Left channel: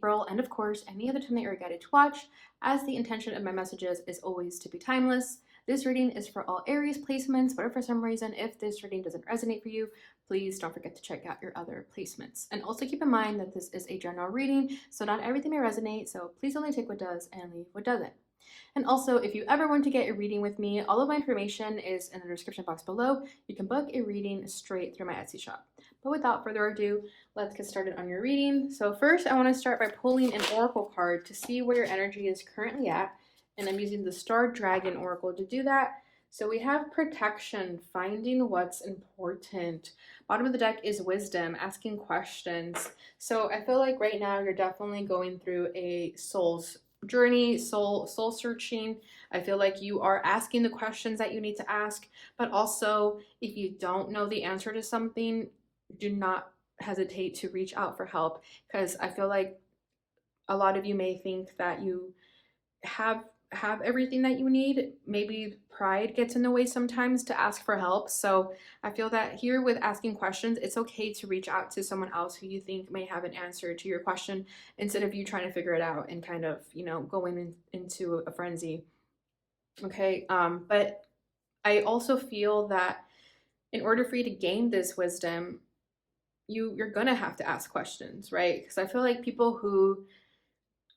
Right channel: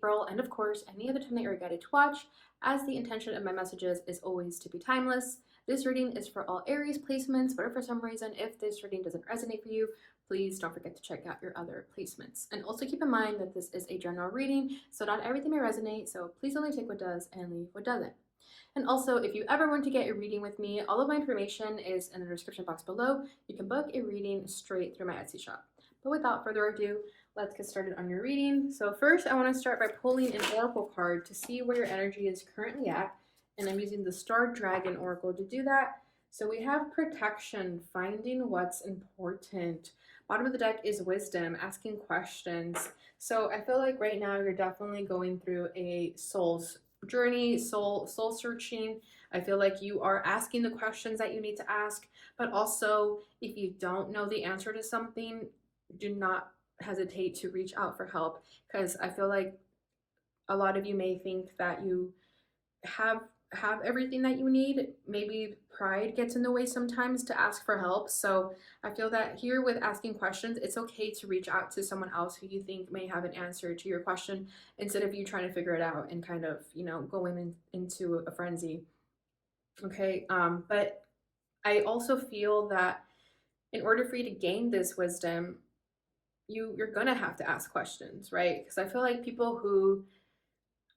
April, and of course, any other time that you're guided to watch, as the intention of my messages is always to be timeless. This reading is for all Aries placements, but if for some reason, if this reading doesn't resonate for you, please don't forget to check out your other placements. And also keep in mind that this is a general reading, so not everything may resonate, so please only take what does and leave what doesn't. And also, if you ever want to get a reading with me, all of my information is in the description box below. You can book a reading straight through my Etsy shop. But without further ado, let's get started on your reading. So first, I want to start by pulling an oracle card to see where your energy is currently at. And I'm using the Star Dragon Oracle to do that. So we have protection, finding what's important. Bottom of the deck is wisdom, asking questions. So I feel like right now you're definitely going through a soul's journey, soul searching. I feel like you are asking the questions that you need to ask, but also if you don't know the answer to something, do not hesitate to reach out for help, because I feel like a lot of you may think that you have everything that you need. Maybe pride gets in the way sometimes to ask for help. So I feel that here with asking questions, it's okay to reach out to someone else who you think may have an answer to your question instead of you trying to figure it out and kind of, going into a frenzy. Okay. But I also feel that in order for you to gain this wisdom, you're gonna have to ask questions, right? Because I feel like people who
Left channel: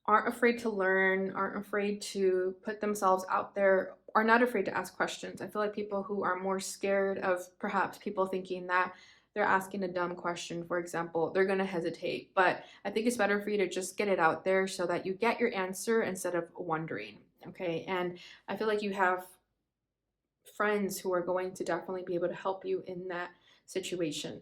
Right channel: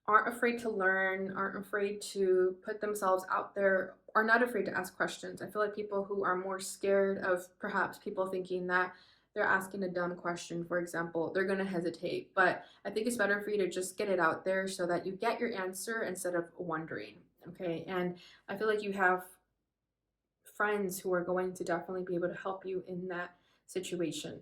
aren't afraid to learn, aren't afraid to put themselves out there, are not afraid to ask questions. I feel like people who are more scared of perhaps people thinking that they're asking a dumb question, for example, they're going to hesitate. But I think it's better for you to just get it out there so that you get your answer instead of wondering. Okay. And I feel like you have friends who are going to definitely be able to help you in that situation.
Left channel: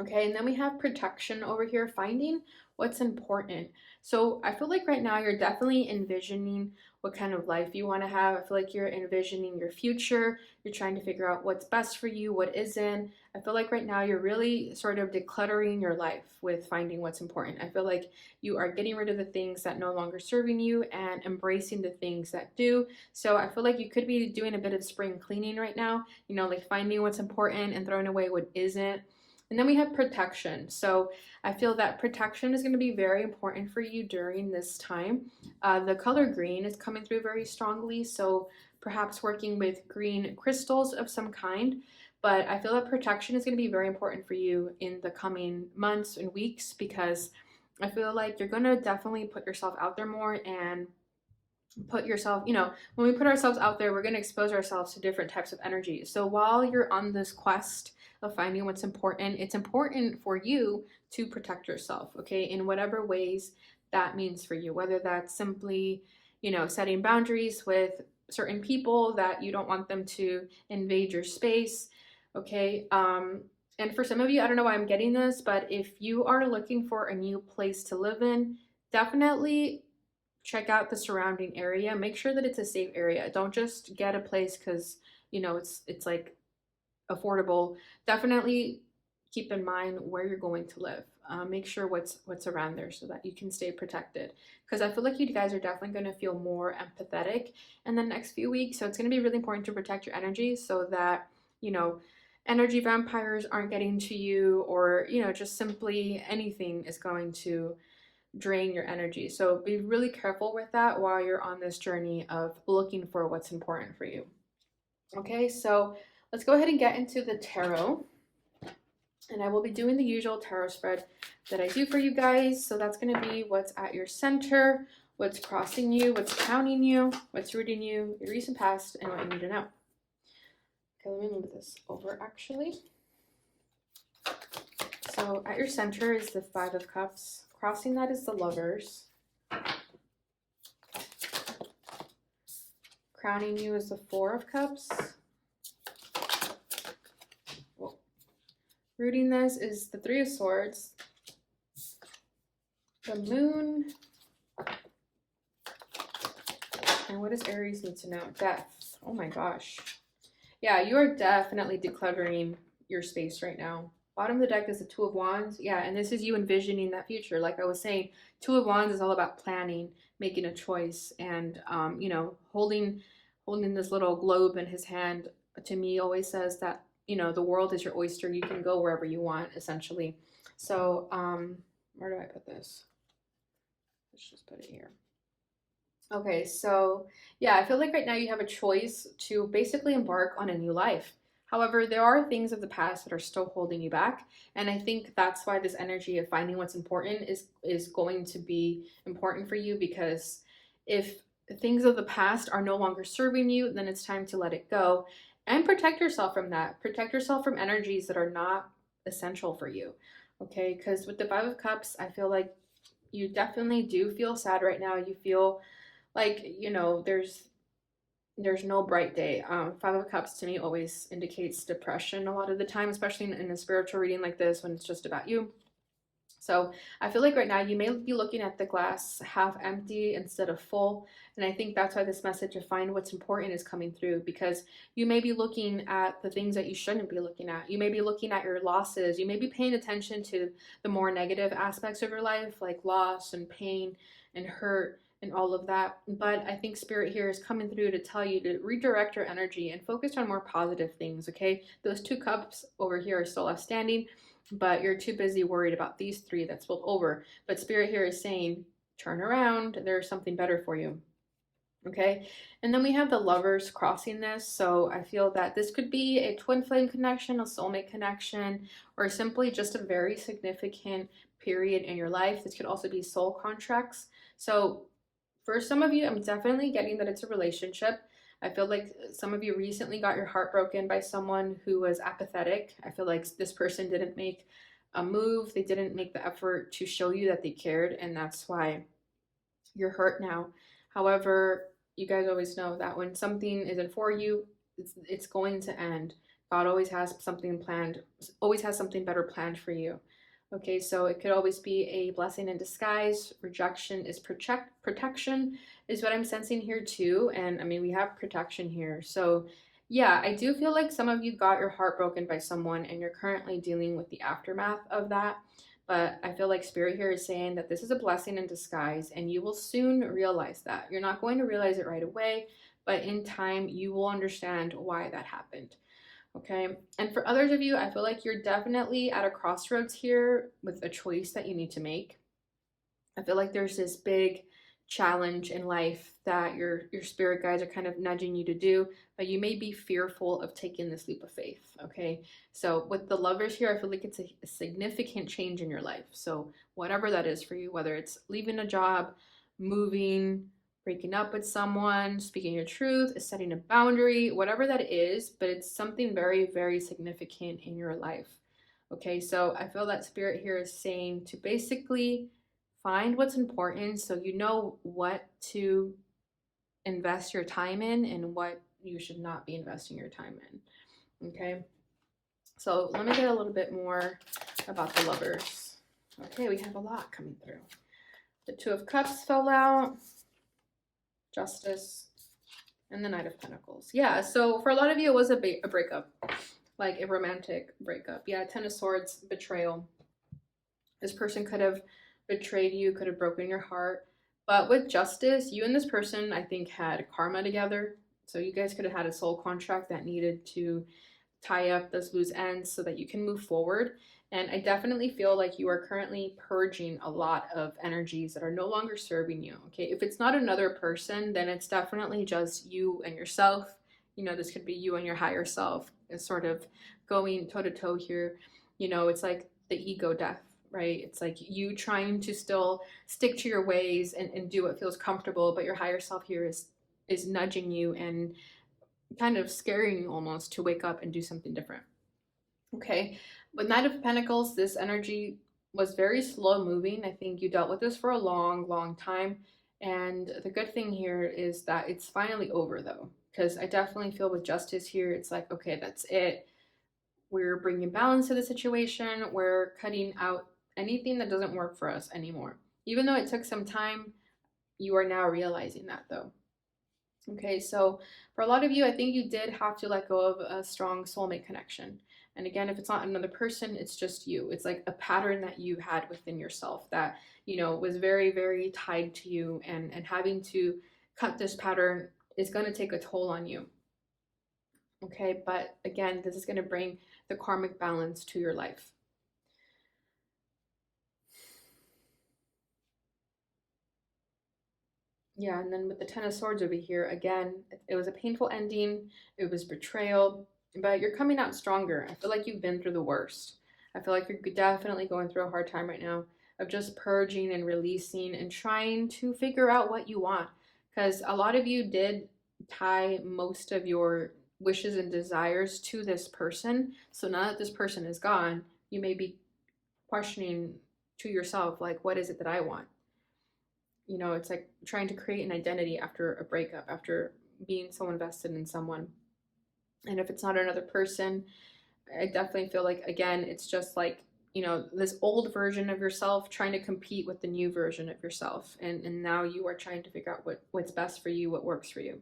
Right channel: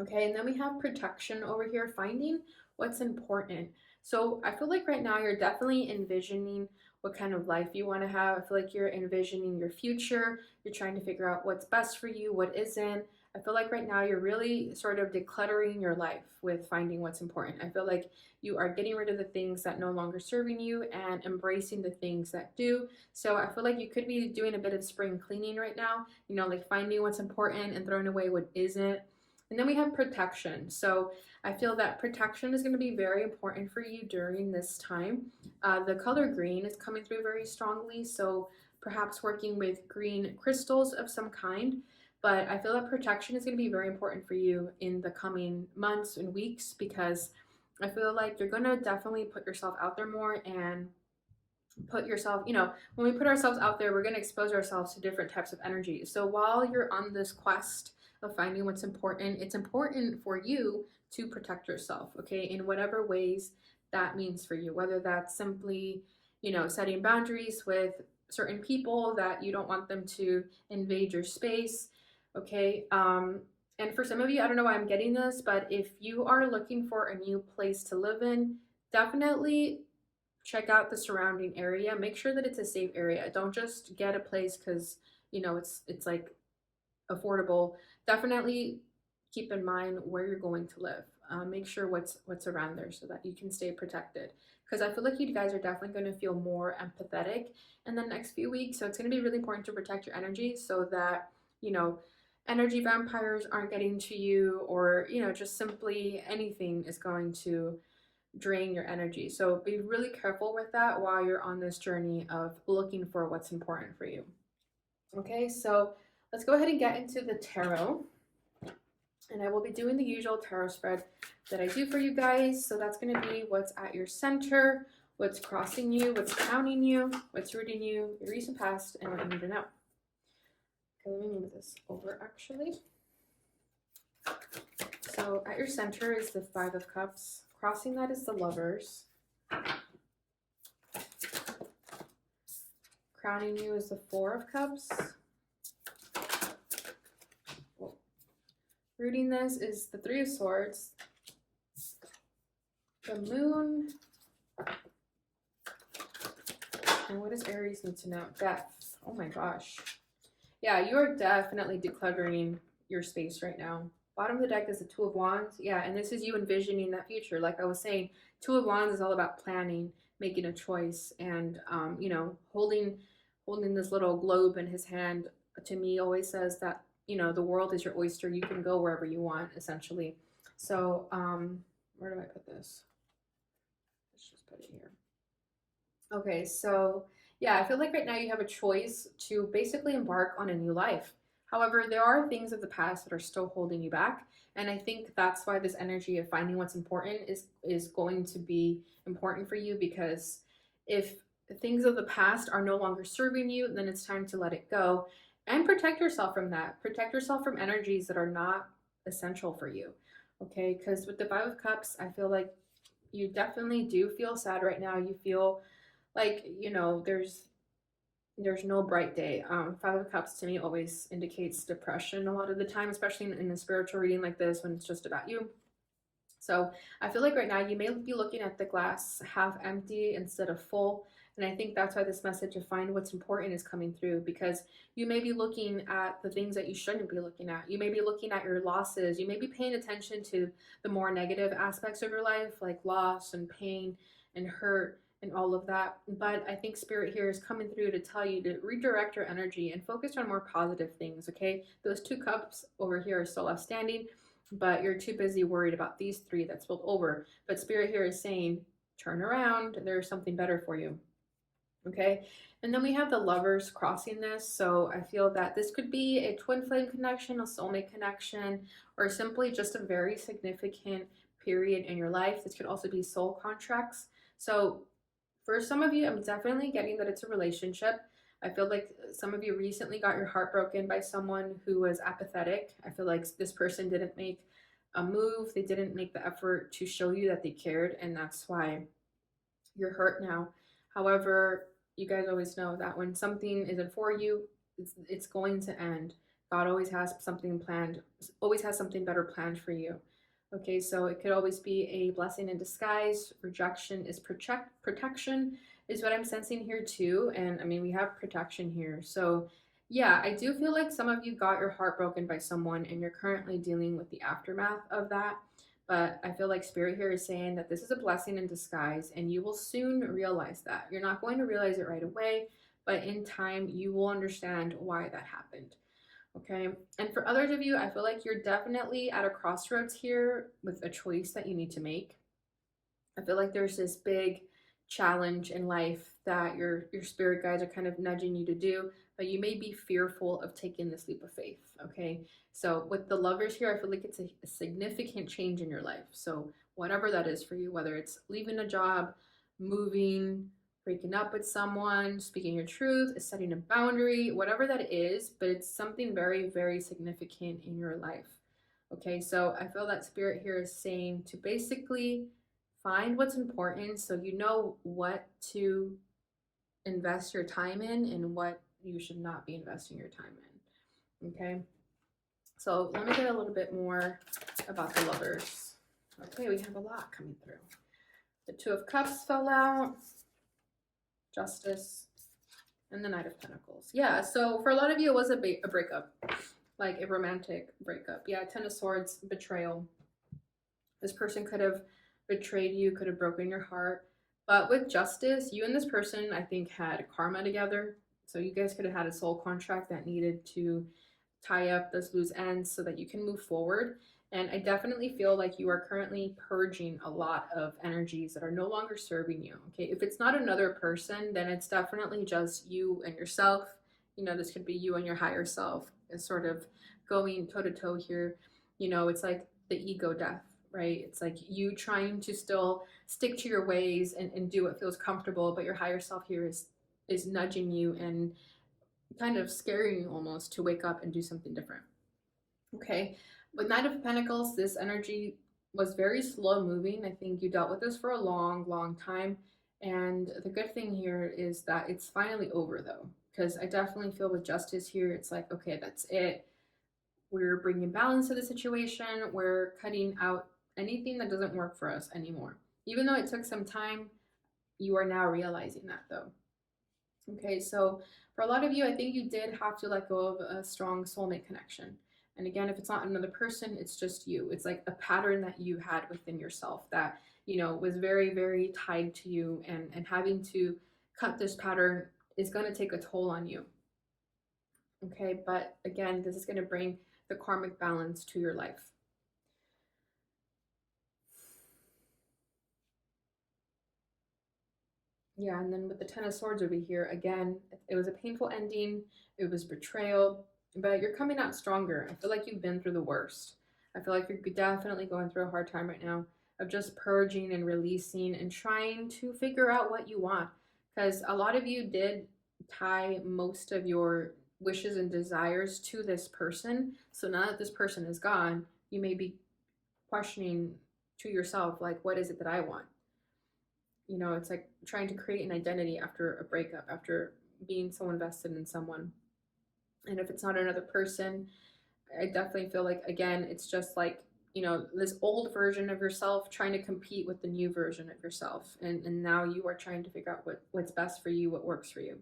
Okay, and then we have protection over here, finding what's important. So I feel like right now you're definitely envisioning what kind of life you want to have. I feel like you're envisioning your future. You're trying to figure out what's best for you, what isn't. I feel like right now you're really sort of decluttering your life with finding what's important. I feel like you are getting rid of the things that no longer serving you and embracing the things that do. So I feel like you could be doing a bit of spring cleaning right now, like finding what's important and throwing away what isn't. And then we have protection. So I feel that protection is going to be very important for you during this time. The color green is coming through very strongly. So perhaps working with green crystals of some kind. But I feel that protection is going to be very important for you in the coming months and weeks, because I feel like you're going to definitely put yourself out there more and put yourself, when we put ourselves out there, we're going to expose ourselves to different types of energy. So while you're on this quest of finding what's important, it's important for you to protect yourself, okay, in whatever ways that means for you, whether that's simply, setting boundaries with certain people that you don't want them to invade your space, okay. And for some of you, I don't know why I'm getting this, but if you are looking for a new place to live in, definitely check out the surrounding area. Make sure that it's a safe area. Don't just get a place because it's like affordable. Definitely keep in mind where you're going to live. Make sure what's around there so that you can stay protected. Because I feel like you guys are definitely going to feel more empathetic in the next few weeks. So it's going to be really important to protect your energy so that energy vampires aren't getting to you, or just simply anything is going to drain your energy. So be really careful with that while you're on this journey of looking for what's important for you. Okay, so let's go ahead and get into the tarot. And I will be doing the usual tarot spread that I do for you guys. So that's going to be what's at your center, what's crossing you, what's counting you, what's rooting you, your recent past, and what you need to know. Okay, let me move this over actually. So at your center is the Five of Cups. Crossing that is the Lovers. Crowning you is the Four of Cups. Whoa. Rooting this is the Three of Swords. The Moon. And what does Aries need to know? Death. Oh my gosh. Yeah, you are definitely decluttering your space right now. Bottom of the deck is the Two of Wands. Yeah, and this is you envisioning that future. Like I was saying, Two of Wands is all about planning, making a choice, and holding this little globe in his hand. To me, always says that the world is your oyster. You can go wherever you want, essentially. So where do I put this? let's just put it here. Okay, so yeah, I feel like right now you have a choice to basically embark on a new life. However, there are things of the past that are still holding you back, and I think that's why this energy of finding what's important is going to be important for you, because if things of the past are no longer serving you, then it's time to let it go and protect yourself from that. Protect yourself from energies that are not essential for you. Okay, because with the 5 of Cups, I feel like you definitely do feel sad right now. You feel like, there's no bright day. 5 of Cups to me always indicates depression a lot of the time, especially in a spiritual reading like this when it's just about you. So I feel like right now you may be looking at the glass half empty instead of full. And I think that's why this message of find what's important is coming through, because you may be looking at the things that you shouldn't be looking at. You may be looking at your losses. You may be paying attention to the more negative aspects of your life, like loss and pain and hurt and all of that. But I think Spirit here is coming through to tell you to redirect your energy and focus on more positive things, okay? Those 2 cups over here are still left standing, but you're too busy worried about these 3 that spilled over. But Spirit here is saying, turn around, there's something better for you. Okay, and then we have the Lovers crossing this. So I feel that this could be a twin flame connection, a soulmate connection, or simply just a very significant period in your life. This could also be soul contracts. So for some of you, I'm definitely getting that it's a relationship. I feel like some of you recently got your heart broken by someone who was apathetic. I feel like this person didn't make a move, they didn't make the effort to show you that they cared, and that's why you're hurt now. However, you guys always know that when something isn't for you, it's going to end. God always has something planned, always has something better planned for you. Okay, so it could always be a blessing in disguise. Rejection is protection, is what I'm sensing here too. And I mean, we have protection here. So yeah, I do feel like some of you got your heart broken by someone and you're currently dealing with the aftermath of that. But I feel like Spirit here is saying that this is a blessing in disguise, and you will soon realize that. You're not going to realize it right away, but in time, you will understand why that happened. Okay. And for others of you, I feel like you're definitely at a crossroads here with a choice that you need to make. I feel like there's this big challenge in life that your spirit guides are kind of nudging you to do, but you may be fearful of taking this leap of faith. Okay. So with the Lovers here, I feel like it's a significant change in your life. So whatever that is for you, whether it's leaving a job, moving, breaking up with someone, speaking your truth, setting a boundary, whatever that is, but it's something very, very significant in your life. Okay, so I feel that Spirit here is saying to basically find what's important so you know what to invest your time in and what you should not be investing your time in. Okay, so let me get a little bit more about the Lovers. Okay, we have a lot coming through. The 2 of Cups fell out, Justice, and the Knight of Pentacles. Yeah, so for a lot of you, it was a breakup, like a romantic breakup. Yeah, 10 of Swords, betrayal. This person could have betrayed you, could have broken your heart. But with Justice, you and this person, I think, had karma together. So you guys could have had a soul contract that needed to tie up those loose ends so that you can move forward. And I definitely feel like you are currently purging a lot of energies that are no longer serving you. Okay, if it's not another person, then it's definitely just you and yourself. This could be you and your higher self is sort of going toe to toe here. It's like the ego death, right? It's like you trying to still stick to your ways and do what feels comfortable, but your higher self here is nudging you and kind of scaring you almost to wake up and do something different. Okay, with Knight of Pentacles, this energy was very slow moving. I think you dealt with this for a long, long time. And the good thing here is that it's finally over though, because I definitely feel with Justice here, it's like, okay, that's it. We're bringing balance to the situation. We're cutting out anything that doesn't work for us anymore. Even though it took some time, you are now realizing that though. Okay, so for a lot of you, I think you did have to let go of a strong soulmate connection. And again, if it's not another person, it's just you. It's like a pattern that you had within yourself that, was very, very tied to you. And having to cut this pattern is going to take a toll on you. Okay, but again, this is going to bring the karmic balance to your life. Yeah, and then with the Ten of Swords over here, again, it was a painful ending. It was betrayal, but you're coming out stronger. I feel like you've been through the worst. I feel like you're definitely going through a hard time right now of just purging and releasing and trying to figure out what you want. Because a lot of you did tie most of your wishes and desires to this person. So now that this person is gone, you may be questioning to yourself, like, what is it that I want? It's like trying to create an identity after a breakup, after being so invested in someone. And if it's not another person, I definitely feel like, again, it's just like, this old version of yourself trying to compete with the new version of yourself. And now you are trying to figure out what's best for you, what works for you.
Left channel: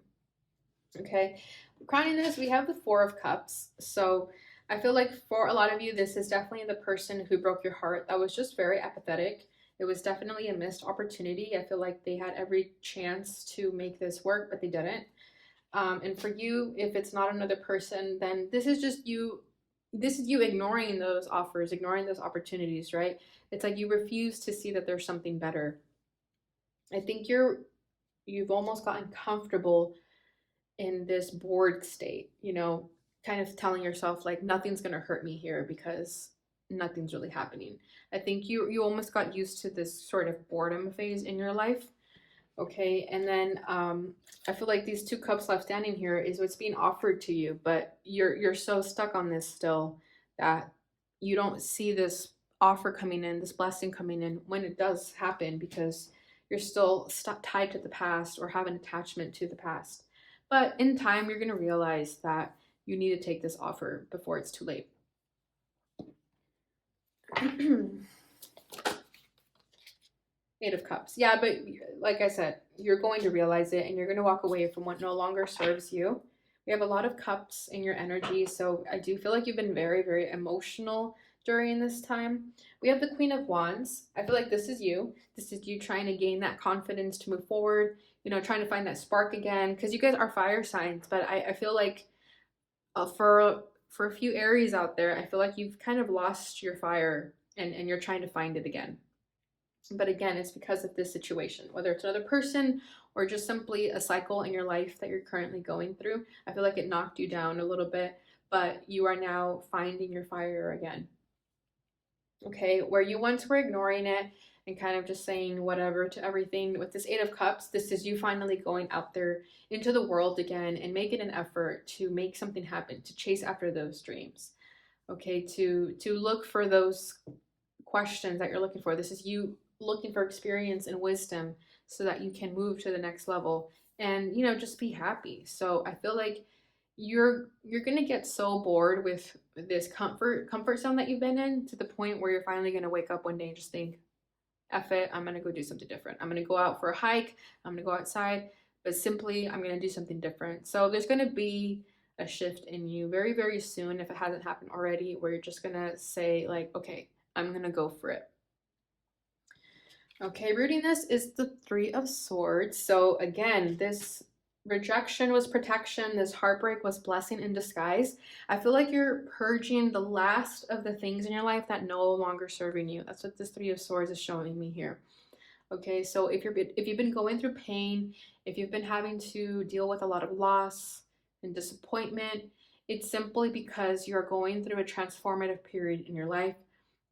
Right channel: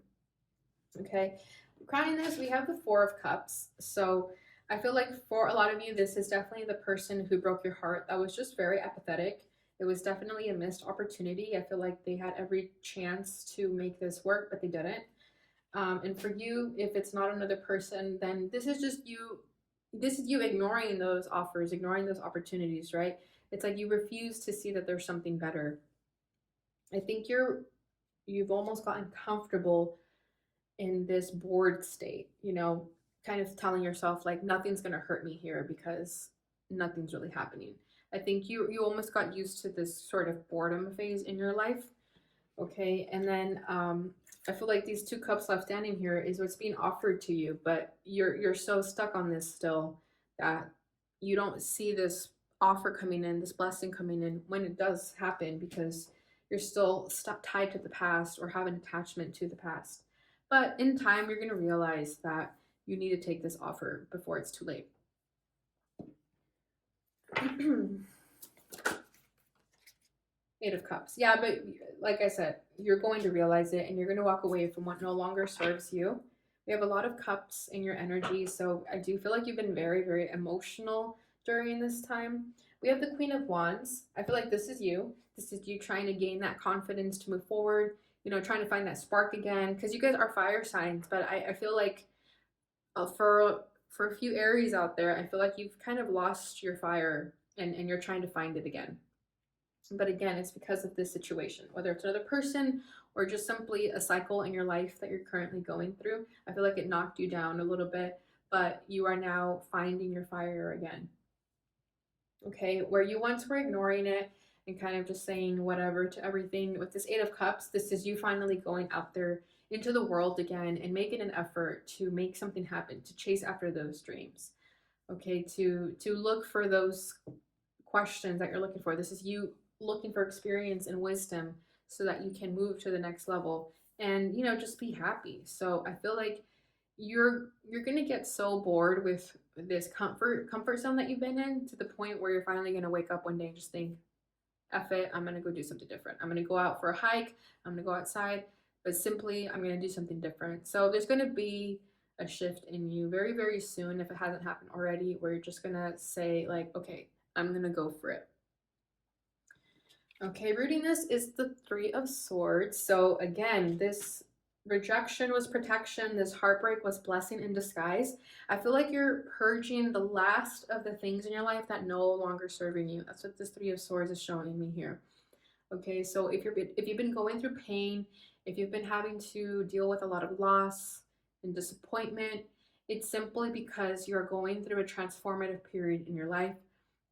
Okay. Crowning this, we have the Four of Cups. So I feel like for a lot of you, this is definitely the person who broke your heart. That was just very apathetic. It was definitely a missed opportunity. I feel like they had every chance to make this work, but they didn't. And for you, if it's not another person, then this is just you. This is you ignoring those offers, ignoring those opportunities, right? It's like you refuse to see that there's something better. I think you've almost gotten comfortable in this bored state, kind of telling yourself like nothing's going to hurt me here because nothing's really happening. I think you almost got used to this sort of boredom phase in your life. Okay, and then I feel like these two cups left standing here is what's being offered to you, but you're so stuck on this still that you don't see this offer coming in, this blessing coming in when it does happen, because you're still stuck tied to the past or have an attachment to the past. But in time, you're going to realize that you need to take this offer before it's too late. Eight of Cups. Yeah, but like I said, you're going to realize it and you're going to walk away from what no longer serves you. We have a lot of cups in your energy, so I do feel like you've been very, very emotional during this time. We have the Queen of Wands. I feel like this is you. This is you trying to gain that confidence to move forward, trying to find that spark again, because you guys are fire signs, but I feel like for a few Aries out there, I feel like you've kind of lost your fire and you're trying to find it again. But again, it's because of this situation, whether it's another person or just simply a cycle in your life that you're currently going through. I feel like it knocked you down a little bit, but you are now finding your fire again. Okay, where you once were ignoring it and kind of just saying whatever to everything, with this Eight of Cups, this is you finally going out there into the world again and making an effort to make something happen, to chase after those dreams. Okay, to look for those questions that you're looking for. This is you looking for experience and wisdom so that you can move to the next level and just be happy. So I feel like you're gonna get so bored with this comfort zone that you've been in, to the point where you're finally gonna wake up one day and just think, F it, I'm gonna go do something different. I'm gonna go out for a hike, I'm gonna go outside, but simply I'm gonna do something different. So there's gonna be a shift in you very, very soon, if it hasn't happened already, where you're just gonna say like, okay, I'm gonna go for it. Okay, rooting this is the Three of Swords. So again, this rejection was protection. This heartbreak was blessing in disguise. I feel like you're purging the last of the things in your life that no longer serving you. That's what this Three of Swords is showing me here. Okay, so if you've been going through pain, if you've been having to deal with a lot of loss and disappointment, it's simply because you're going through a transformative period in your life.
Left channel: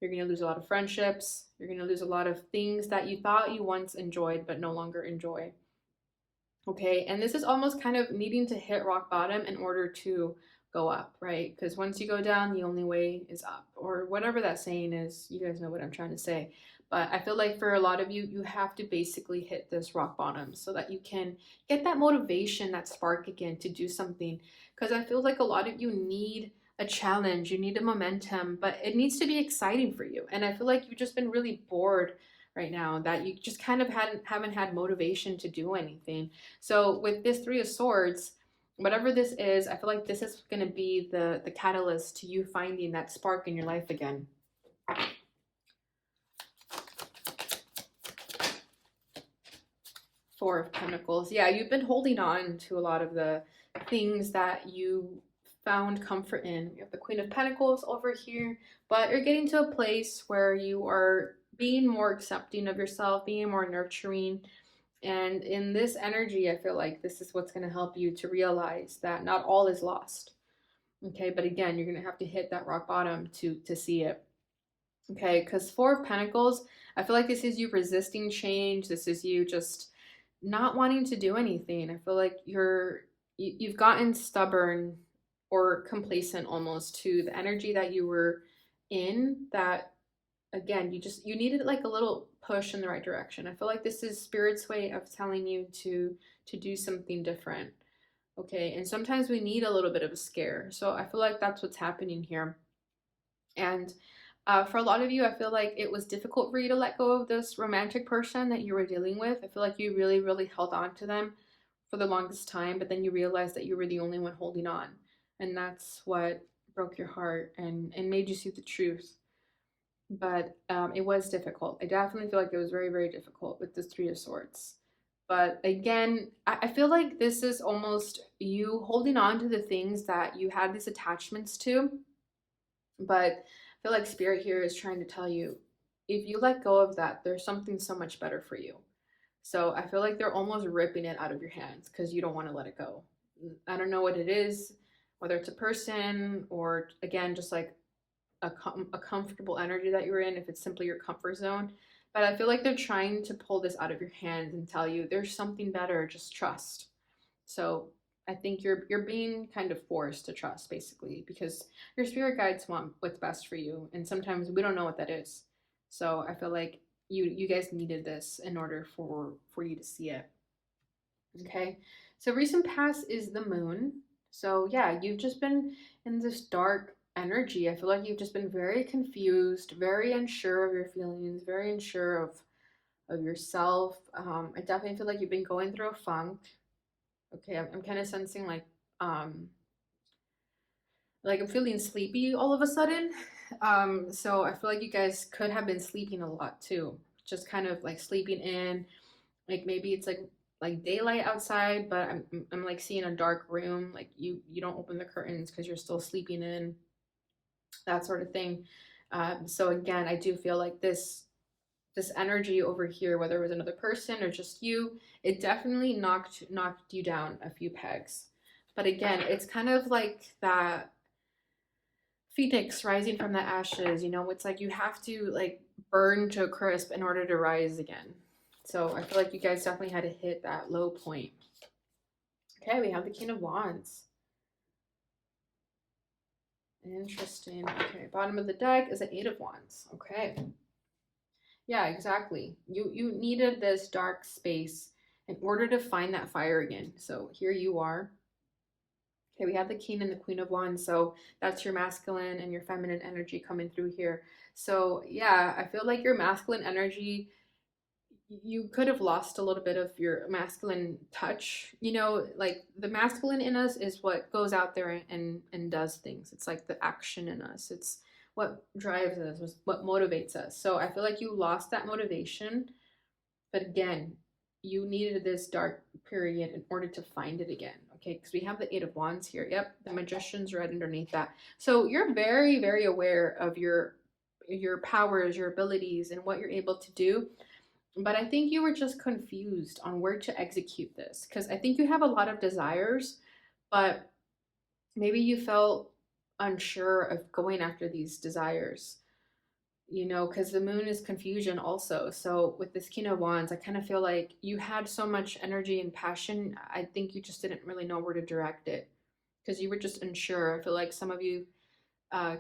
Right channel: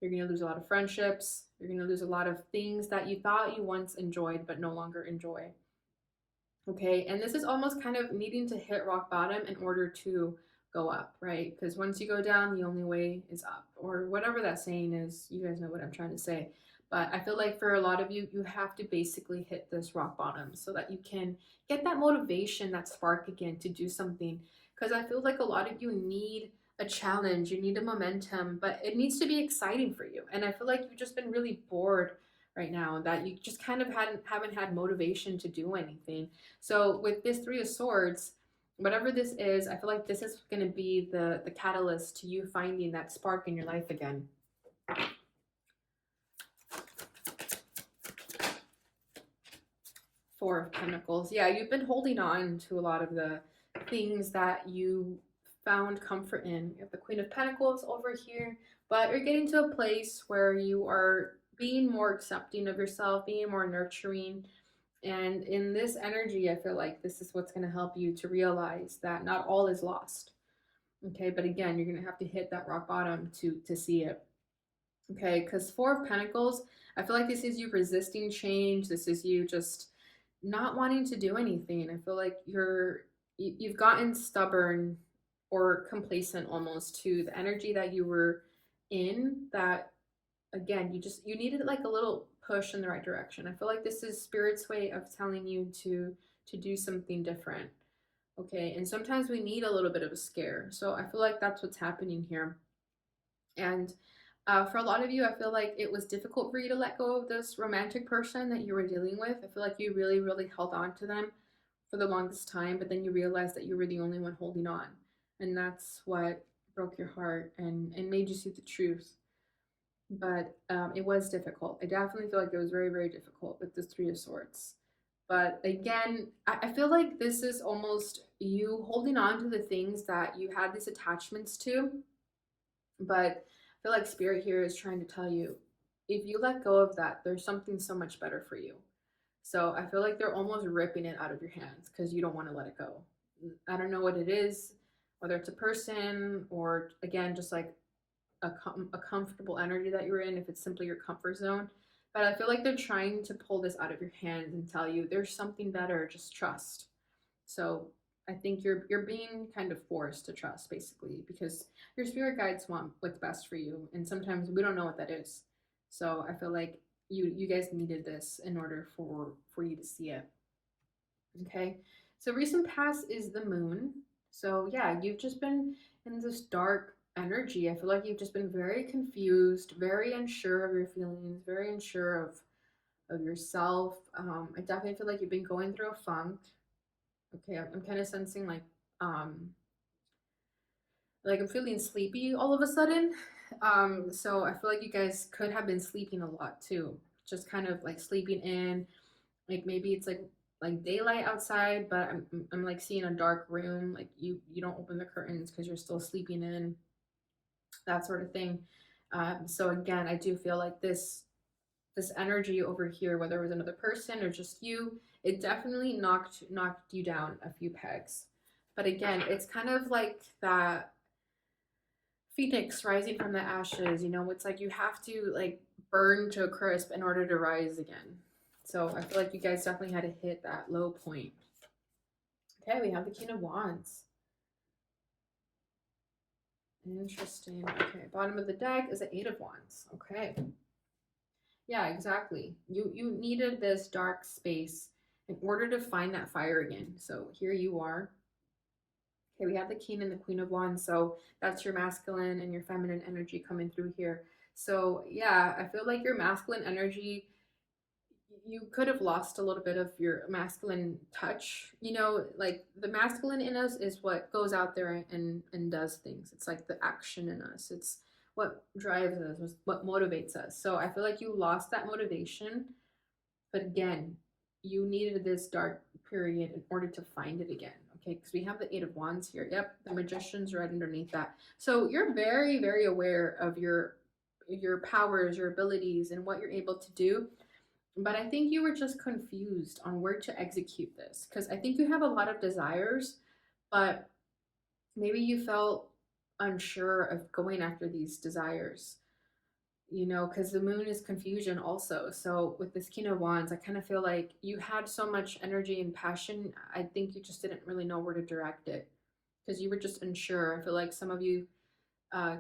You're going to lose a lot of friendships. You're going to lose a lot of things that you thought you once enjoyed but no longer enjoy. Okay, and this is almost kind of needing to hit rock bottom in order to go up, right? Because once you go down, the only way is up, or whatever that saying is. You guys know what I'm trying to say. But I feel like for a lot of you, you have to basically hit this rock bottom so that you can get that motivation, that spark again to do something. Because I feel like a lot of you need a challenge, you need a momentum, but it needs to be exciting for you. And I feel like you've just been really bored right now, that you just kind of haven't had motivation to do anything. So with this Three of Swords, whatever this is, I feel like this is going to be the catalyst to you finding that spark in your life again. Four of Pentacles. Yeah, you've been holding on to a lot of the things that you found comfort in. You have the Queen of Pentacles over here, but you're getting to a place where you are being more accepting of yourself, being more nurturing. And in this energy, I feel like this is what's going to help you to realize that not all is lost. Okay, but again, you're going to have to hit that rock bottom to see it. Okay, because Four of Pentacles, I feel like this is you resisting change. This is you just not wanting to do anything. I feel like you've gotten stubborn or complacent almost to the energy that you were in, that again, you needed like a little push in the right direction. I feel like this is spirit's way of telling you to do something different. Okay, and sometimes we need a little bit of a scare. So I feel like that's what's happening here. And for a lot of you, I feel like it was difficult for you to let go of this romantic person that you were dealing with. I feel like you really, really held on to them for the longest time, but then you realized that you were the only one holding on. And that's what broke your heart and made you see the truth. But it was difficult. I definitely feel like it was very, very difficult with this Three of Swords. But again, I feel like this is almost you holding on to the things that you had these attachments to. But I feel like Spirit here is trying to tell you, if you let go of that, there's something so much better for you. So I feel like they're almost ripping it out of your hands because you don't want to let it go. I don't know what it is, whether it's a person or, again, just like a comfortable energy that you're in, if it's simply your comfort zone. But I feel like they're trying to pull this out of your hands and tell you there's something better, just trust. So I think you're being kind of forced to trust, basically, because your spirit guides want what's best for you, and sometimes we don't know what that is. So I feel like you guys needed this in order for you to see it. Okay, so recent past is the moon. So yeah, you've just been in this dark energy. I feel like you've just been very confused, very unsure of your feelings, very unsure of yourself. I definitely feel like you've been going through a funk. Okay, I'm kind of sensing um like I'm feeling sleepy all of a sudden. So I feel like you guys could have been sleeping a lot too, just kind of like sleeping in. Like maybe it's like daylight outside, but I'm like seeing a dark room. Like you don't open the curtains because you're still sleeping in, that sort of thing. So again, I do feel like this energy over here, whether it was another person or just you, it definitely knocked you down a few pegs. But again, it's kind of like that phoenix rising from the ashes. It's like you have to like burn to a crisp in order to rise again. So I feel like you guys definitely had to hit that low point. Okay, we have the King of Wands. Interesting. Okay, bottom of the deck is the Eight of Wands. Okay. Yeah, exactly. You needed this dark space in order to find that fire again. So here you are. Okay, we have the King and the Queen of Wands. So that's your masculine and your feminine energy coming through here. So yeah, I feel like your masculine energy, you could have lost a little bit of your masculine touch. Like the masculine in us is what goes out there and does things. It's like the action in us. It's what drives us, what motivates us. So I feel like you lost that motivation, but again, you needed this dark period in order to find it again. Okay, because we have the Eight of Wands here. Yep, the Magician's right underneath that. So you're very, very aware of your powers, your abilities, and what you're able to do. But I think you were just confused on where to execute this, because I think you have a lot of desires, but maybe you felt unsure of going after these desires, because the moon is confusion also. So with this King of Wands, I kind of feel like you had so much energy and passion. I think you just didn't really know where to direct it because you were just unsure. I feel like some of you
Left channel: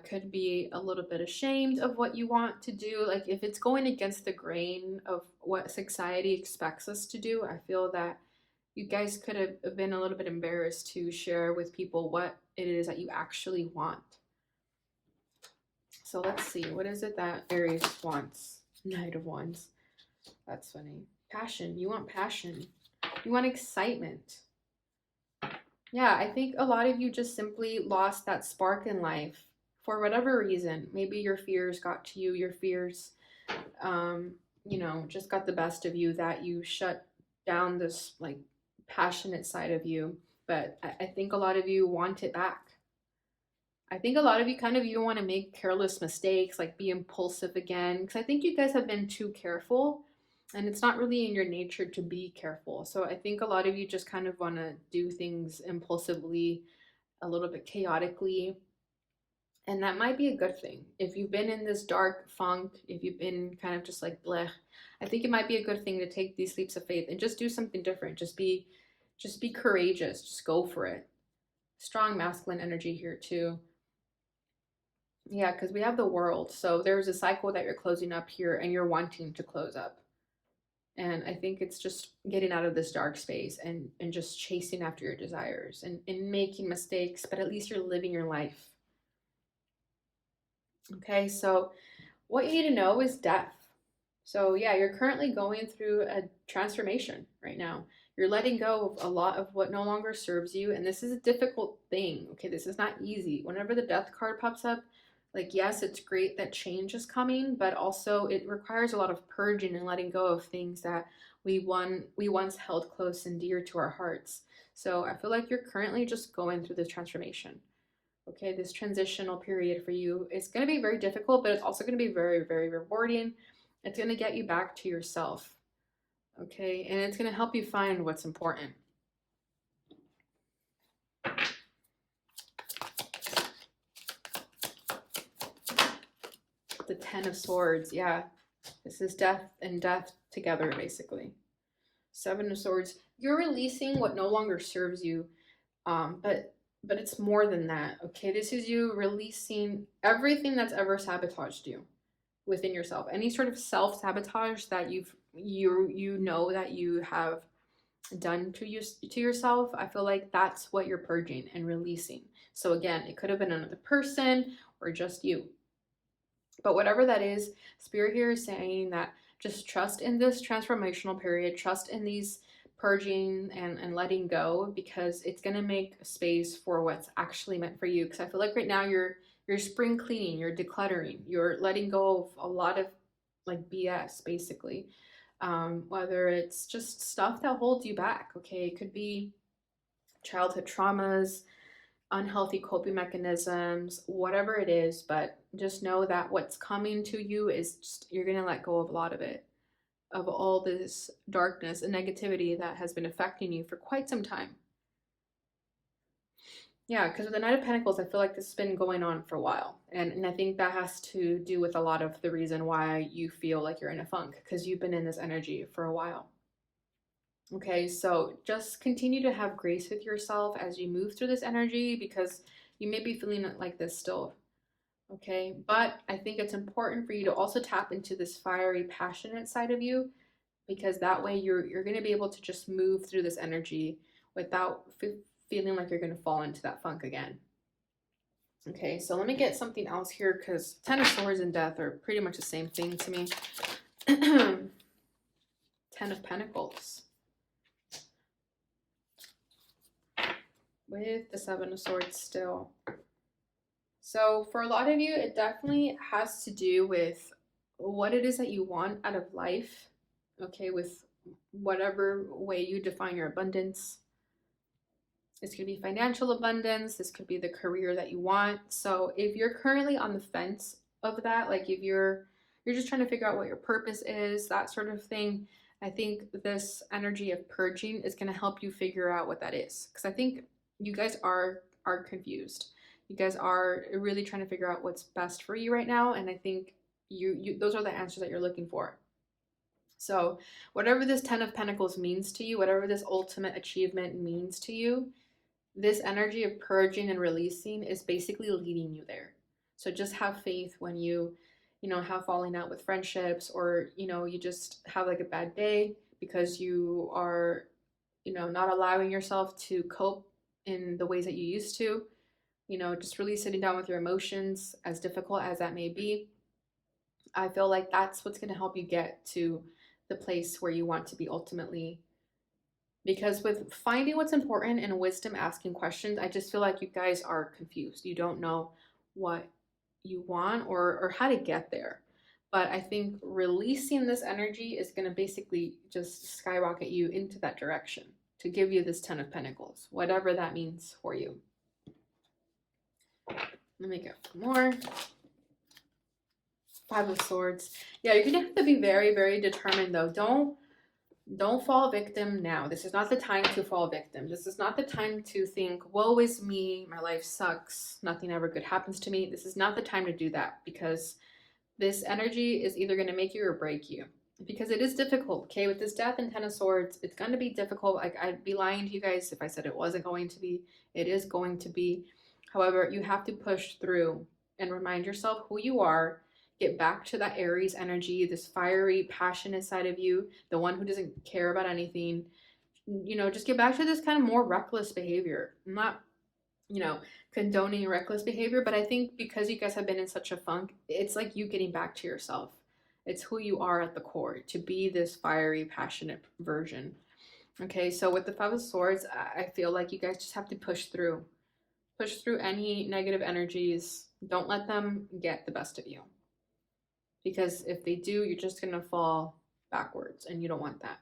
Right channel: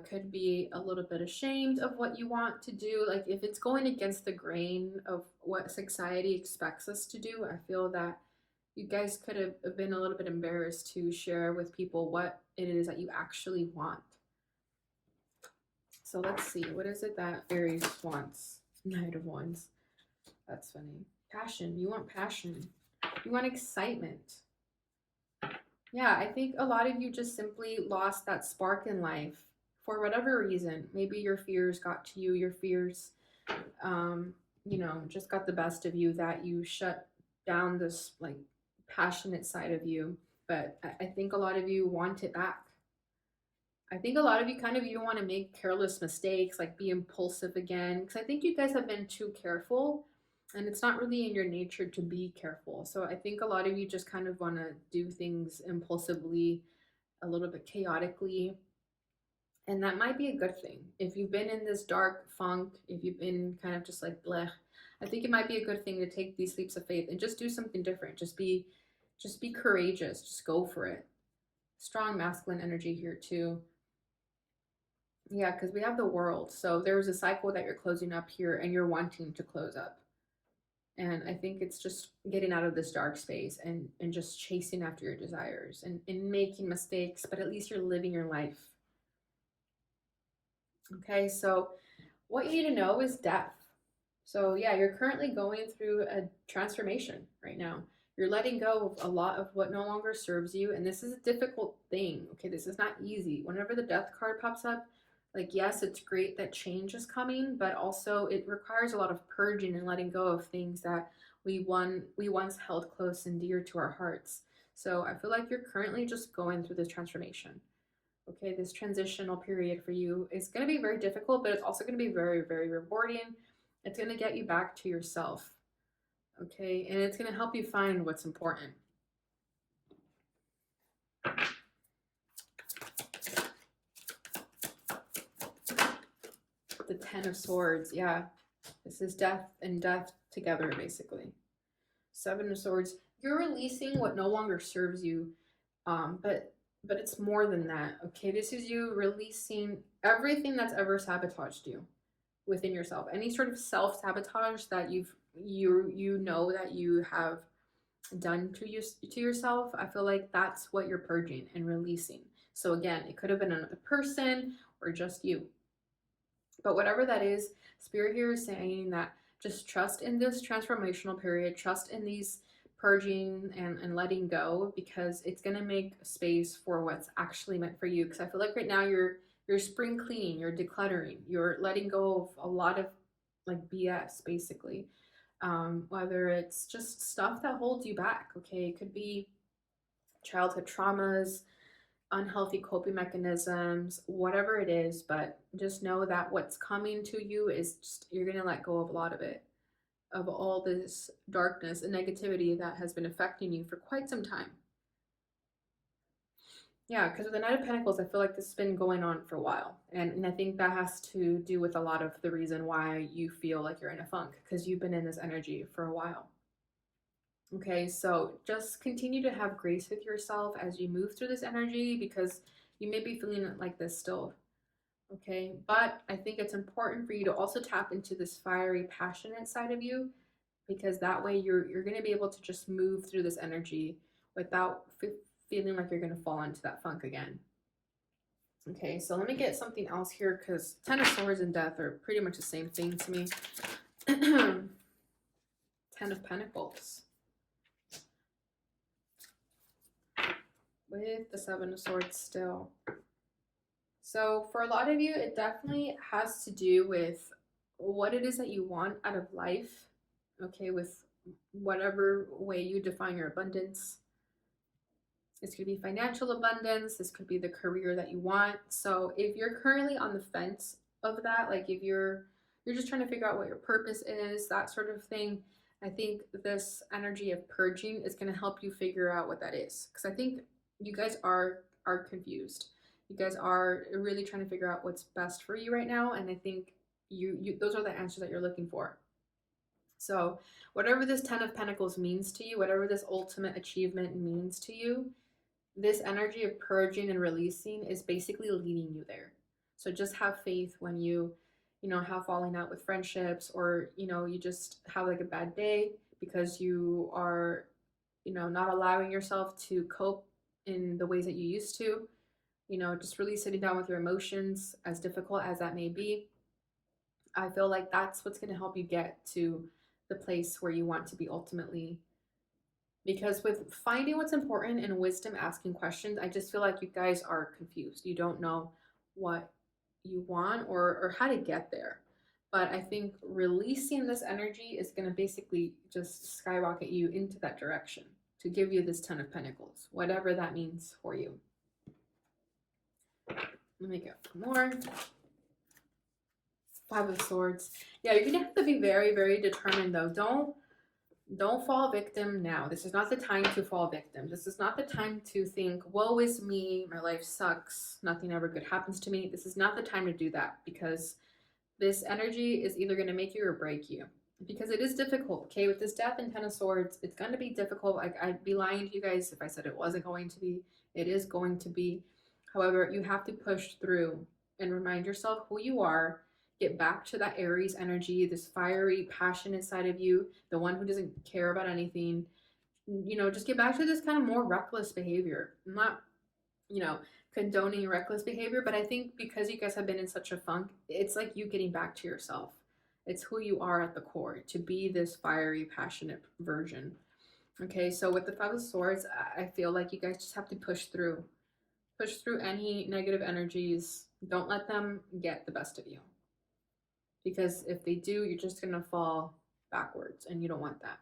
could be a little bit ashamed of what you want to do. Like if it's going against the grain of what society expects us to do, I feel that you guys could have been a little bit embarrassed to share with people what it is that you actually want. So let's see, what is it that Aries wants? Knight of Wands. That's funny. Passion. You want passion. You want excitement. Yeah, I think a lot of you just simply lost that spark in life for whatever reason. Maybe your fears got to you, your fears, just got the best of you, that you shut down this like passionate side of you. But I think a lot of you want it back. I think a lot of you you don't want to make careless mistakes, like be impulsive again, because I think you guys have been too careful. And it's not really in your nature to be careful. So I think a lot of you just kind of want to do things impulsively, a little bit chaotically. And that might be a good thing. If you've been in this dark funk, if you've been kind of just like bleh, I think it might be a good thing to take these leaps of faith and just do something different. Just be courageous. Just go for it. Strong masculine energy here too. Yeah, because we have the world. So there's a cycle that you're closing up here and you're wanting to close up. And I think it's just getting out of this dark space and just chasing after your desires and making mistakes, but at least you're living your life. Okay, so what you need to know is death. So, yeah, you're currently going through a transformation right now. You're letting go of a lot of what no longer serves you. And this is a difficult thing. Okay, this is not easy. Whenever the death card pops up, like, yes, it's great that change is coming, but also it requires a lot of purging and letting go of things that we once held close and dear to our hearts. So I feel like you're currently just going through this transformation. Okay, this transitional period for you is going to be very difficult, but it's also going to be very, very rewarding. It's going to get you back to yourself. Okay, and it's going to help you find what's important. The Ten of Swords, yeah. This is death and death together, basically. Seven of Swords, you're releasing what no longer serves you, but it's more than that. Okay, this is you releasing everything that's ever sabotaged you within yourself. Any sort of self-sabotage that you know that you have done to yourself, I feel like that's what you're purging and releasing. So again, it could have been another person or just you. But whatever that is, Spirit here is saying that just trust in this transformational period, trust in these purging and letting go, because it's going to make space for what's actually meant for you. Because I feel like right now you're spring cleaning, you're decluttering, you're letting go of a lot of like BS, basically. Whether it's just stuff that holds you back, okay? It could be childhood traumas, unhealthy coping mechanisms, whatever it is, but just know that what's coming to you is just, you're going to let go of a lot of it, of all this darkness and negativity that has been affecting you for quite some time. Yeah, because with the Knight of Pentacles, I feel like this has been going on for a while. And I think that has to do with a lot of the reason why you feel like you're in a funk, because you've been in this energy for a while. Okay, so just continue to have grace with yourself as you move through this energy, because you may be feeling like this still. Okay, but I think it's important for you to also tap into this fiery, passionate side of you, because that way you're going to be able to just move through this energy without feeling like you're going to fall into that funk again. Okay, so let me get something else here, because Ten of Swords and Death are pretty much the same thing to me. Ten of Pentacles with the Seven of Swords still. So for a lot of you, it definitely has to do with what it is that you want out of life, okay, with whatever way you define your abundance. This could be financial abundance. This could be the career that you want. So if you're currently on the fence of that, like if you're just trying to figure out what your purpose is, that sort of thing, I think this energy of purging is going to help you figure out what that is. Because I think you guys are confused. You guys are really trying to figure out what's best for you right now, and I think you those are the answers that you're looking for. So whatever this Ten of Pentacles means to you, whatever this ultimate achievement means to you, this energy of purging and releasing is basically leading you there. So just have faith when you have falling out with friendships, or you just have like a bad day because you are not allowing yourself to cope in the ways that you used to. Just really sitting down with your emotions, as difficult as that may be. I feel like that's what's going to help you get to the place where you want to be ultimately. Because with finding what's important and wisdom asking questions, I just feel like you guys are confused. You don't know what you want or how to get there. But I think releasing this energy is going to basically just skyrocket you into that direction to give you this Ten of Pentacles, whatever that means for you. Let me go for more. Five of Swords. Yeah, you're gonna have to be very, very determined though. Don't fall victim now. This is not the time to fall victim. This is not the time to think, woe is me, my life sucks, nothing ever good happens to me. This is not the time to do that, because this energy is either going to make you or break you. Because it is difficult, okay? With this Death and Ten of Swords, it's going to be difficult. Like, I'd be lying to you guys if I said it wasn't going to be. It is going to be. However, you have to push through and remind yourself who you are. Get back to that Aries energy, this fiery, passionate side of you, the one who doesn't care about anything. Just get back to this kind of more reckless behavior. I'm not, you know, condoning reckless behavior, but I think because you guys have been in such a funk, it's like you getting back to yourself. It's who you are at the core, to be this fiery, passionate version. Okay, so with the Five of Swords, I feel like you guys just have to push through. Push through any negative energies. Don't let them get the best of you. Because if they do, you're just going to fall backwards, and you don't want that.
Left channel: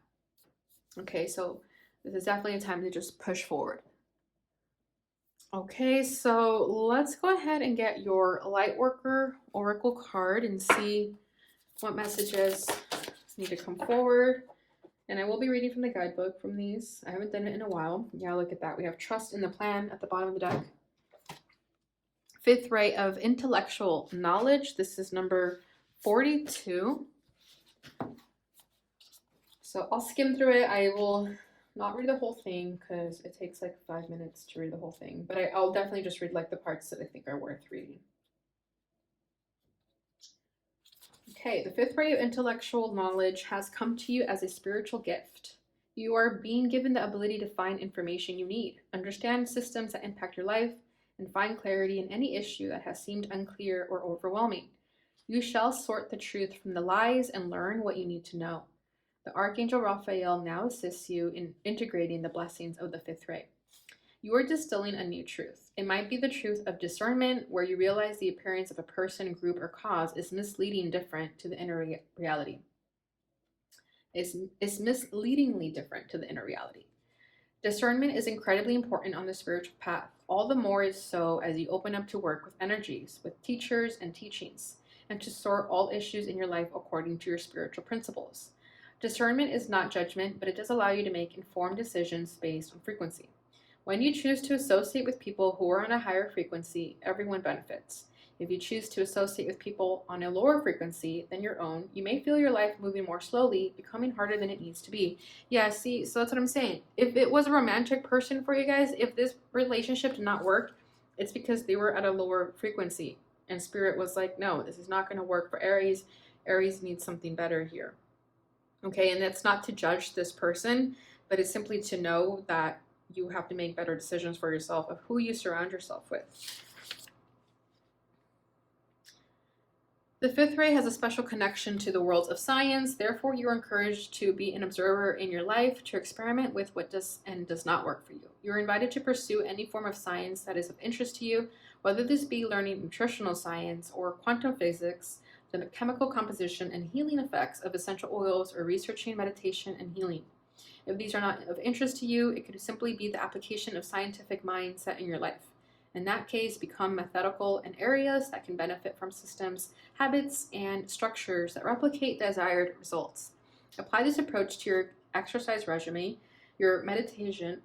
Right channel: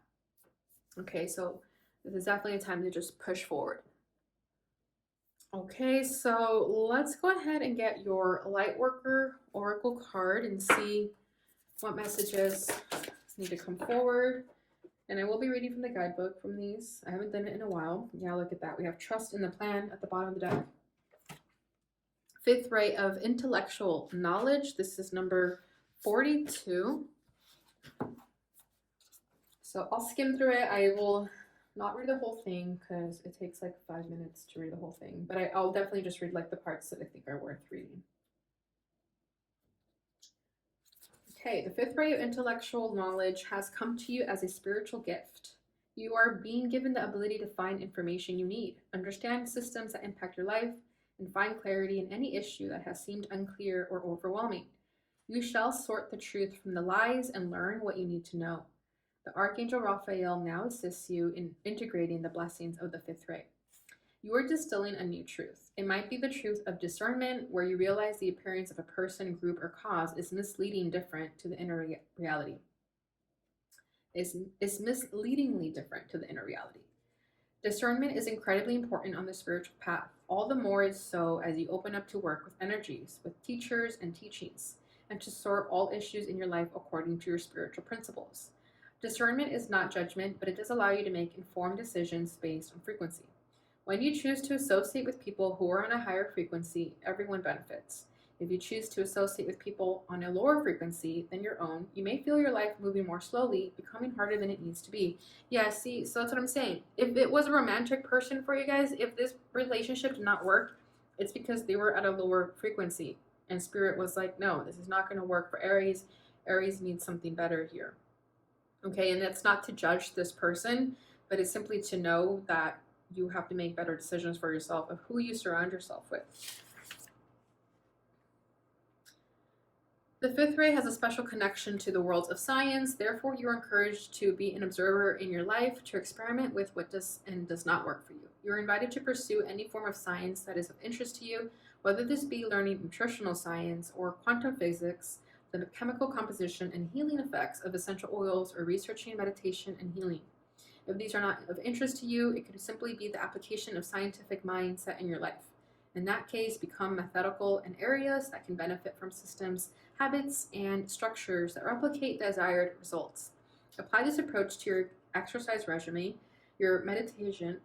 Okay, so this is definitely a time to just push forward. Okay, so let's go ahead and get your Lightworker Oracle card and see what messages need to come forward. And I will be reading from the guidebook from these. I haven't done it in a while. Yeah, look at that. We have Trust in the Plan at the bottom of the deck. Fifth ray of intellectual knowledge. This is number 42. So I'll skim through it. I will not read the whole thing because it takes like 5 minutes to read the whole thing. But I'll definitely just read like the parts that I think are worth reading. Okay, the fifth ray of intellectual knowledge has come to you as a spiritual gift. You are being given the ability to find information you need, understand systems that impact your life, and find clarity in any issue that has seemed unclear or overwhelming. You shall sort the truth from the lies and learn what you need to know. The Archangel Raphael now assists you in integrating the blessings of the fifth ray. You are distilling a new truth. It might be the truth of discernment, where you realize the appearance of a person, group, or cause is misleading different to the inner reality. Is misleadingly different to the inner reality. Discernment is incredibly important on the spiritual path. All the more is so as you open up to work with energies, with teachers and teachings, and to sort all issues in your life according to your spiritual principles. Discernment is not judgment, but it does allow you to make informed decisions based on frequency. When you choose to associate with people who are on a higher frequency, everyone benefits. If you choose to associate with people on a lower frequency than your own, you may feel your life moving more slowly, becoming harder than it needs to be. Yeah, see, so that's what I'm saying. If it was a romantic person for you guys, if this relationship did not work, it's because they were at a lower frequency. And Spirit was like, no, this is not going to work for Aries. Aries needs something better here. Okay, and that's not to judge this person, but it's simply to know that you have to make better decisions for yourself of who you surround yourself with. The fifth ray has a special connection to the worlds of science. Therefore, you're encouraged to be an observer in your life, to experiment with what does and does not work for you. You're invited to pursue any form of science that is of interest to you, whether this be learning nutritional science or quantum physics, the chemical composition and healing effects of essential oils, or researching meditation and healing. If these are not of interest to you, it could simply be the application of scientific mindset in your life. In that case, become methodical in areas that can benefit from systems, habits, and structures that replicate desired results. Apply this approach to your exercise regimen, your meditation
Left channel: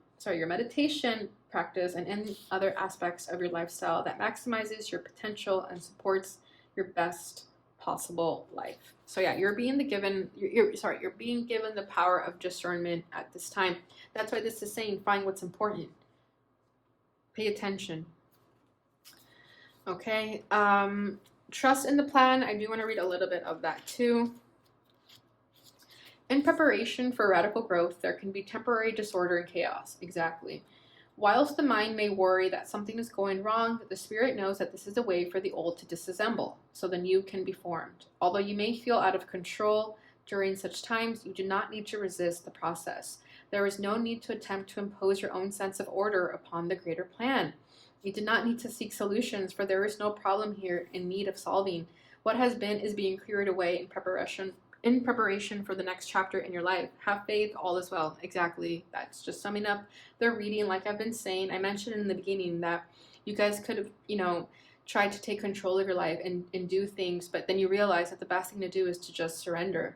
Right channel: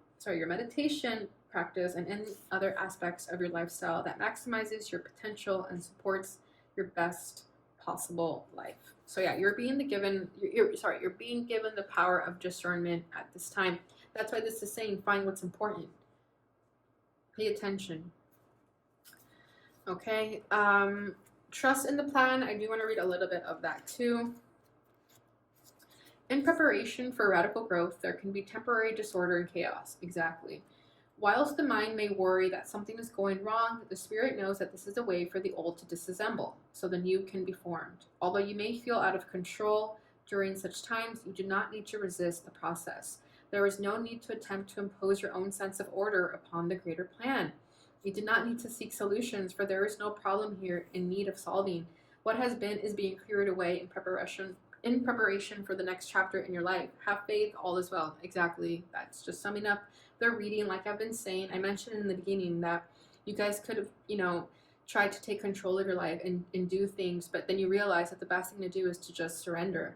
practice, and any other aspects of your lifestyle that maximizes your potential and supports your best possible life. So yeah, you're being given the power of discernment at this time. That's why this is saying find what's important. Pay attention. Okay, trust in the plan. I do want to read a little bit of that too. In preparation for radical growth, there can be temporary disorder and chaos. Exactly. Whilst the mind may worry that something is going wrong, the spirit knows that this is a way for the old to disassemble, so the new can be formed. Although you may feel out of control during such times, you do not need to resist the process. There is no need to attempt to impose your own sense of order upon the greater plan. You do not need to seek solutions, for there is no problem here in need of solving. What has been is being cleared away in preparation for the next chapter in your life. Have faith, all is well. Exactly. That's just summing up the reading. Like I've been saying, I mentioned in the beginning that you guys could have, try to take control of your life and do things, but then you realize that the best thing to do is to just surrender.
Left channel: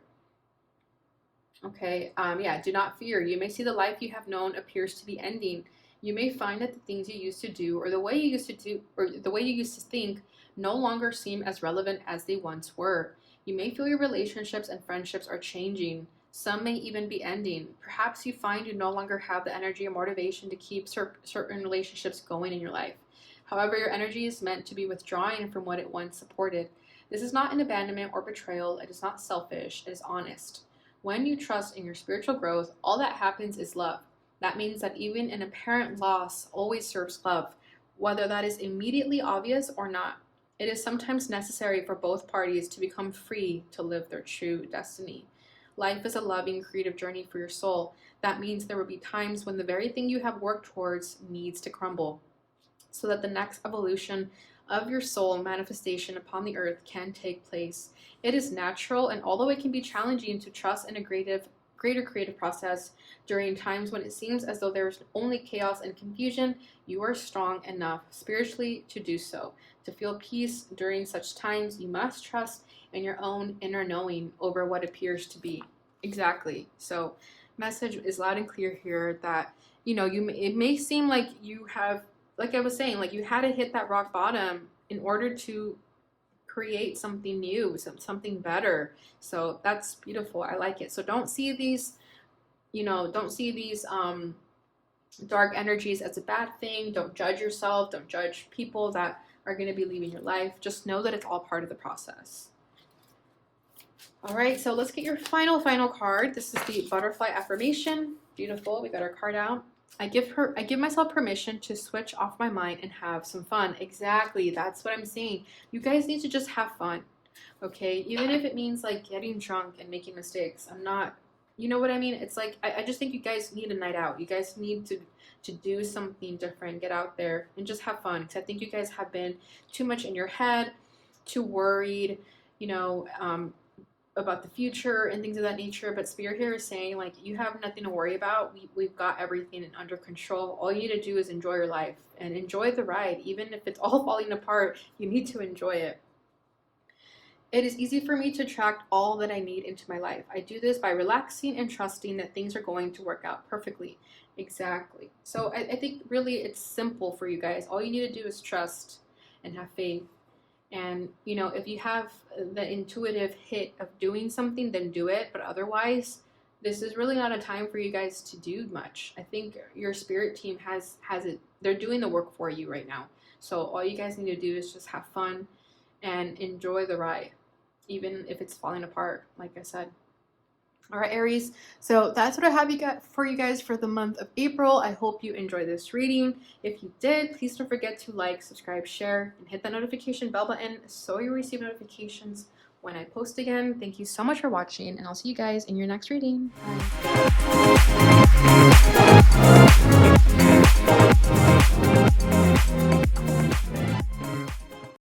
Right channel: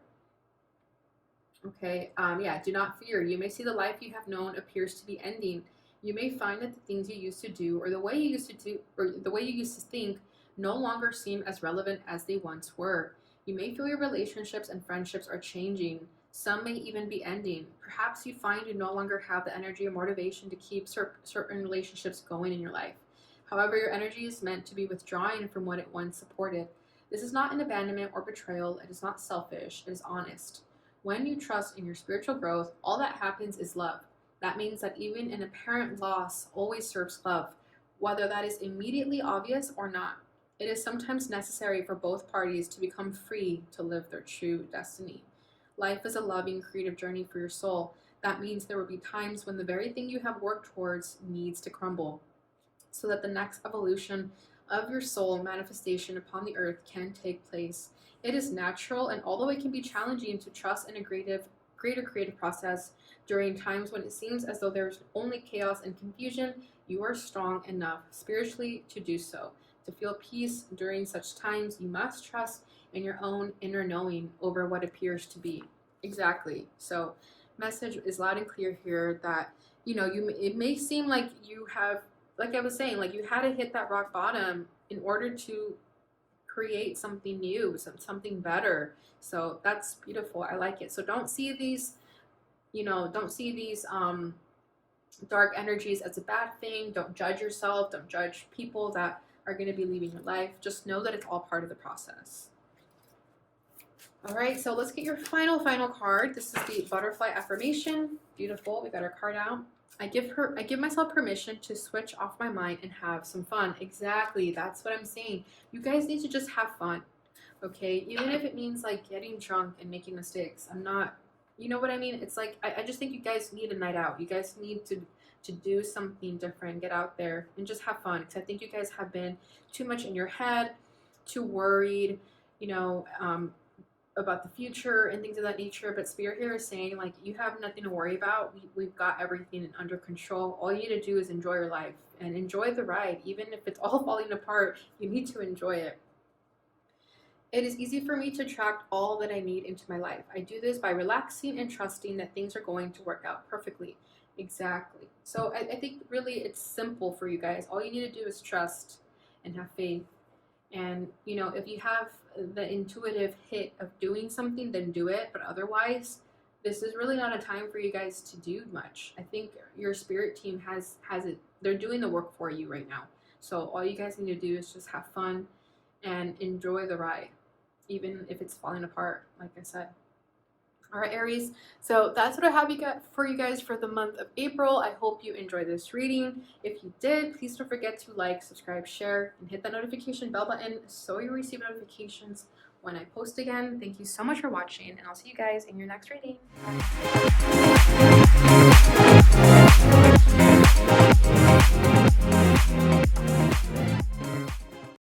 Okay, yeah, do not fear. You may see the life you have known appears to be ending. You may find that the things you used to do, or the way you used to do, or the way you used to think, no longer seem as relevant as they once were. You may feel your relationships and friendships are changing. Some may even be ending. Perhaps you find you no longer have the energy or motivation to keep certain relationships going in your life. However, your energy is meant to be withdrawing from what it once supported. This is not an abandonment or betrayal. It is not selfish. It is honest. When you trust in your spiritual growth, all that happens is love. That means that even an apparent loss always serves love, whether that is immediately obvious or not. It is sometimes necessary for both parties to become free to live their true destiny. Life is a loving, creative journey for your soul. That means there will be times when the very thing you have worked towards needs to crumble, so that the next evolution of your soul manifestation upon the earth can take place. It is natural, and although it can be challenging to trust in a greater creative process during times when it seems as though there is only chaos and confusion, you are strong enough spiritually to do so. To feel peace during such times, you must trust in your own inner knowing over what appears to be. Exactly. So, message is loud and clear here that, it may seem like you have, like I was saying, like you had to hit that rock bottom in order to create something new, something better. So that's beautiful. I like it. So don't see these dark energies as a bad thing. Don't judge yourself. Don't judge people that are going to be leaving your life. Just know that it's all part of the process. All right, so let's get your final card. This is the butterfly affirmation. Beautiful. We got our card out. I give myself permission to switch off my mind and have some fun. Exactly. That's what I'm saying. You guys need to just have fun. Okay? Even if it means like getting drunk and making mistakes. You know what I mean? It's like, I just think you guys need a night out. You guys need to do something different, get out there and just have fun. Because I think you guys have been too much in your head, too worried, about the future and things of that nature. But Spirit here is saying, like, you have nothing to worry about. We've got everything under control. All you need to do is enjoy your life and enjoy the ride. Even if it's all falling apart, you need to enjoy it. It is easy for me to attract all that I need into my life. I do this by relaxing and trusting that things are going to work out perfectly. Exactly. So I think really it's simple for you guys. All you need to do is trust and have faith. And, if you have the intuitive hit of doing something, then do it. But otherwise, this is really not a time for you guys to do much. I think your spirit team has it. They're doing the work for you right now. So all you guys need to do is just have fun and enjoy the ride, even if it's falling apart, like I said. All right, Aries. So that's what I have for you guys for the month of April. I hope you enjoyed this reading. If you did, please don't forget to like, subscribe, share, and hit that notification bell button so you receive notifications when I post again. Thank you so much for watching, and I'll see you guys in your next reading.